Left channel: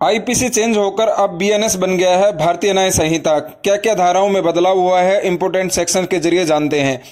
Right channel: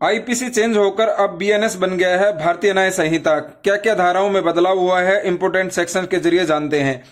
IPC change होकर अब BNS बन गया है भारतीय न्याय संहिता। क्या क्या धाराओं में बदलाव हुआ है, इंपोर्टेंट सेक्शन के जरिए जानते हैं।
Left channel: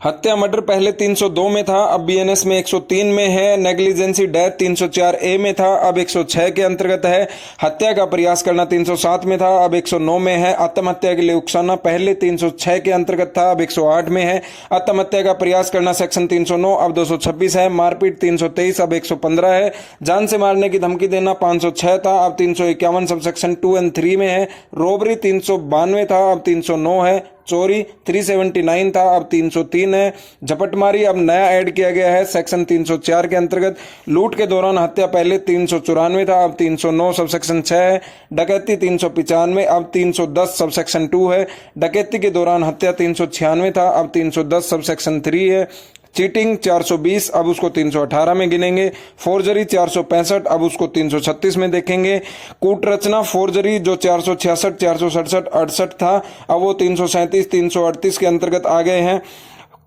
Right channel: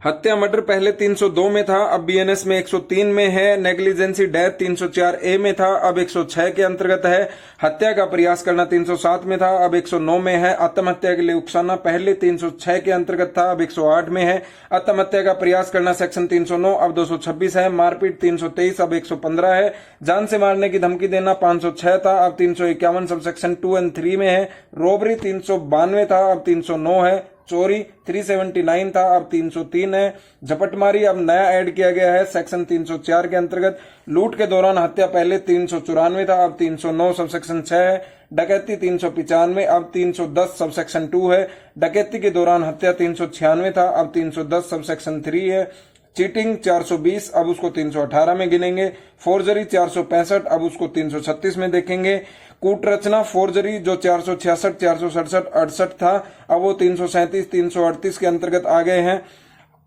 हत्या मर्डर पहले 302 में था, अब बीएनएस में 103 में है। नेग्लिजेंसी डेथ 304 ए में था, अब 106 के अंतर्गत है। हत्या का प्रयास करना 307 में था, अब 109 में है। आत्महत्या के लिए उकसाना पहले 306 के अंतर्गत था, अब 108 में है। आत्महत्या का प्रयास करना सेक्शन 309 अब 226 है। मारपीट 323 अब 115 है। जान से मारने की धमकी देना 506 था, अब 351 सब सेक्शन 2 और 3 में है। रोबरी 392 था, अब 309 है। चोरी 379 था, अब 303 है। झपटमारी अब नया ऐड किया गया है सेक्शन 304 के अंतर्गत। लूट के दौरान हत्या पहले 394 था, अब 309 सब सेक्शन 6 है। डकैती 395 अब 310 सब सेक्शन 2 है। डकैती के दौरान हत्या 396 था, अब 310 सब सेक्शन 3 है। चीटिंग 420 अब उसको 318 में गिनेंगे। फोर्जरी 465 अब उसको 336 में देखेंगे। कूटरचना फोर्जरी जो 466 467 68 था, अब वो 337 338 के अंतर्गत आ गए हैं।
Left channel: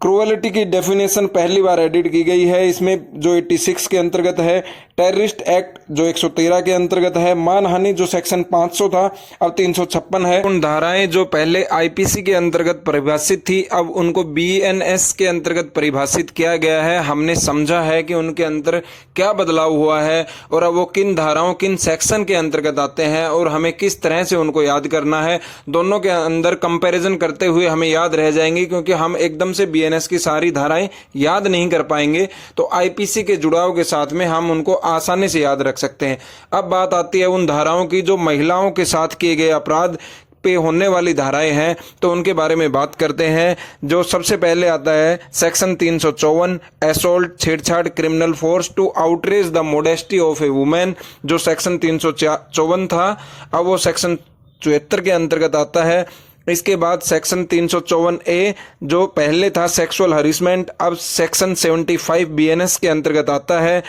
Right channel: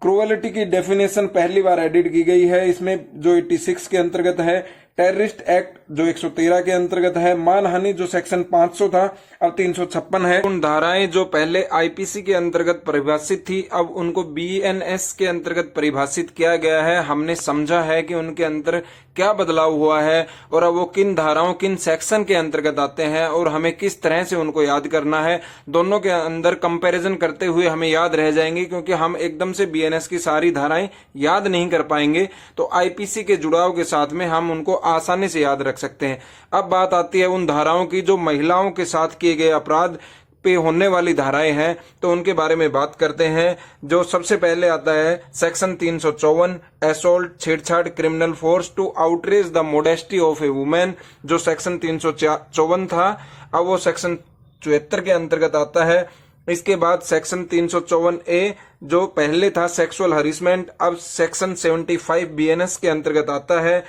क्रूएलिटी की डेफिनेशन पहली बार एडिट की गई है इसमें, जो 86 के अंतर्गत है। टेररिस्ट एक्ट जो 113 के अंतर्गत है। मानहानि जो सेक्शन 500 था, अब 356 है। उन धाराएं जो पहले आईपीसी के अंतर्गत परिभाषित थी, अब उनको बीएनएस के अंतर्गत परिभाषित किया गया है। हमने समझा है कि उनके अंदर क्या बदलाव हुआ है और अब वो किन धाराओं किन सेक्शन के अंतर्गत आते हैं और हमें किस तरह से उनको याद करना है। दोनों के अंदर कंपैरिजन करते हुए हमें याद रह जाएंगे, क्योंकि हम एकदम से बीएनएस की सारी धाराएं याद नहीं कर पाएंगे। तो आईपीसी के जुड़ाव के साथ में हम उनको आसानी से याद रख सकते हैं। अब बात आती है उन धाराओं की जो महिलाओं के साथ किए गए अपराध पे होने वाली धाराएं हैं, तो उनके बारे में बात करते हैं। जो सबसे पहले आता है सेक्शन 354 असॉल्ट छेड़छाड़ criminal force to outrage the modesty of a women, जो सेक्शन 354 था, अब वो सेक्शन 74 के अंतर्गत आता है। इसके बाद सेक्शन 354 ए जो पहले था सेक्सुअल हरिसमेंट, अब सेक्शन 75 बीएनएस के अंतर्गत आता है।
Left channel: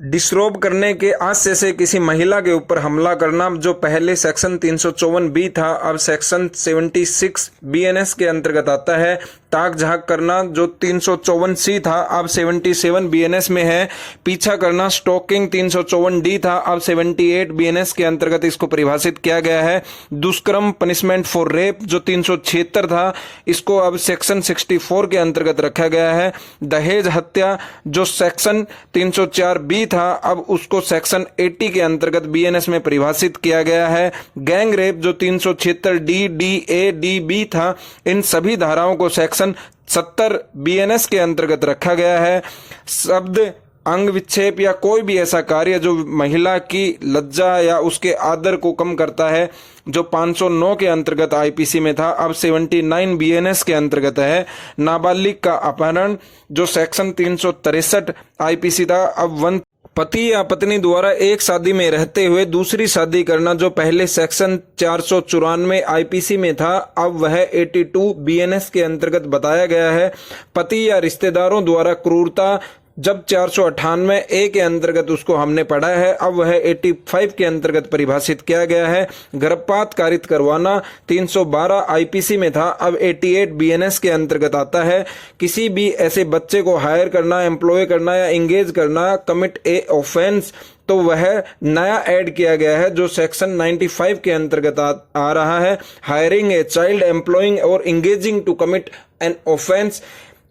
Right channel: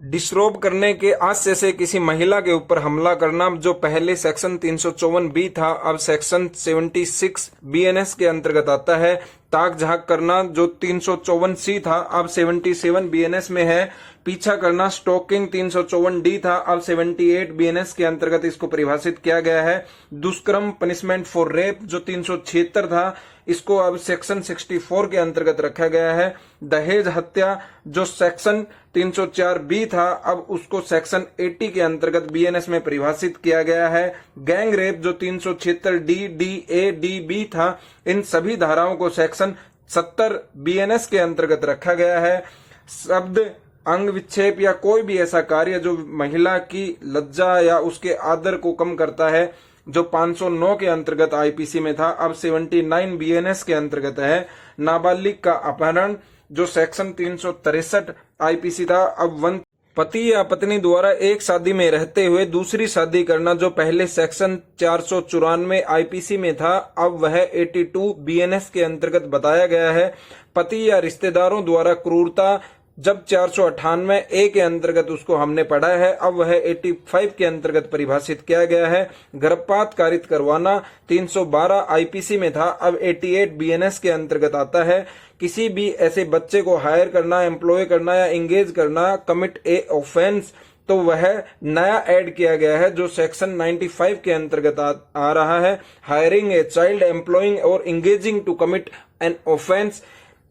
डिसरोब करने के आशय से किसी महिला के ऊपर हमला करना, जो पहले सेक्शन 354 बी था, अब सेक्शन 76 बीएनएस के अंतर्गत आता है। ताक झाक करना जो 354 सी था, अब 77 बीएनएस में है। पीछा करना स्टॉकिंग 354 डी था, अब 78 बीएनएस के अंतर्गत इसको परिभाषित किया गया है। दुष्कर्म पनिशमेंट फॉर रेप जो 376 था, इसको अब सेक्शन 64 के अंतर्गत रखा गया है। दहेज हत्या जो सेक्शन 304 बी था, अब उसको सेक्शन 80 के अंतर्गत बीएनएस में परिभाषित किया गया है। गैंग रेप जो 376 D D A D B था, इन सभी धाराओं को सेक्शन 70 बीएनएस के अंतर्गत रखा गया है। शब्द अंग विक्षेप या कोई भी ऐसा कार्य जो महिला की लज्जा या उसके आदर को कम करता है, जो 509 के अंतर्गत आईपीसी में था, अब 79 बीएनएस के अंतर्गत है। नाबालिग का अपहरण जो सेक्शन 363 आईपीसी था, अब पति या पत्नी द्वारा एक शादी में रहते हुए दूसरी शादी करना जो पहले सेक्शन 494 आईपीसी में था, अब वह 82 बीएनएस के अंतर्गत बताया गया है। पति या रिश्तेदारों द्वारा क्रूरता जब 498 ए के अंतर्गत उसको हमने पढ़ा है, अब वह 85 के अंतर्गत परिभाषित किया गया है। गर्भपात कारित करवाना 312 आईपीसी में था, अब 88 बीएनएस के अंतर्गत आता है। किसी भी ऐसे बच्चे को हायर करना, एम्प्लॉय करना या एंगेज करना कमिट ए ऑफेंस, तो वह नया ऐड किया गया है जो सेक्शन 95 के अंतर्गत आ रहा है। हायरिंग ए चाइल्ड, एम्प्लॉइंग और engaging to commit an offence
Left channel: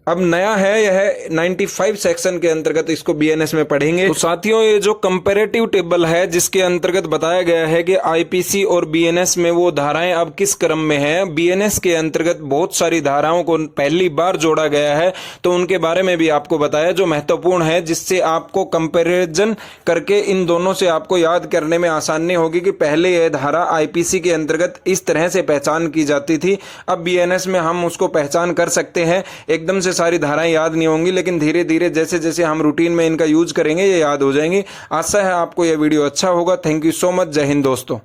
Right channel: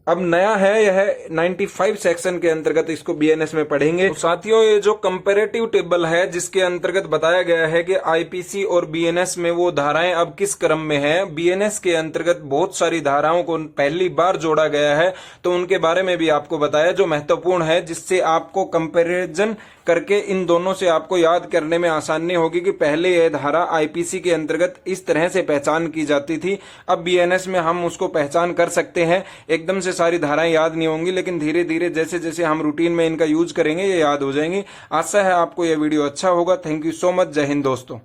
अब नया है, यह 95 सेक्शन के अंतर्गत इसको बीएनएस में पढ़ेंगे। तो साथियों, ये जो कंपैरेटिव टेबल है जिसके अंतर्गत बताया गया है कि आईपीसी और बीएनएस में वो धाराएं अब किस क्रम में हैं। बीएनएस के अंतर्गत बहुत सारी धाराओं को पहली बार जोड़ा गया है, तो उनके बारे में भी आपको बताया जो महत्वपूर्ण है, जिससे आपको कंपैरिजन करके इन दोनों से आपको याद करने में आसानी होगी कि पहले यह धारा आईपीसी के अंतर्गत इस तरह से पहचान की जाती थी, अब बीएनएस में हम उसको पहचान कर सकते हैं। एकदम से सारी धाराएं याद नहीं होंगी, लेकिन धीरे धीरे जैसे जैसे हम रूटीन में इनका यूज करेंगे ये याद हो जाएंगी। आशा है आपको यह वीडियो अच्छा होगा। Thank you so much. जय हिंद दोस्तों।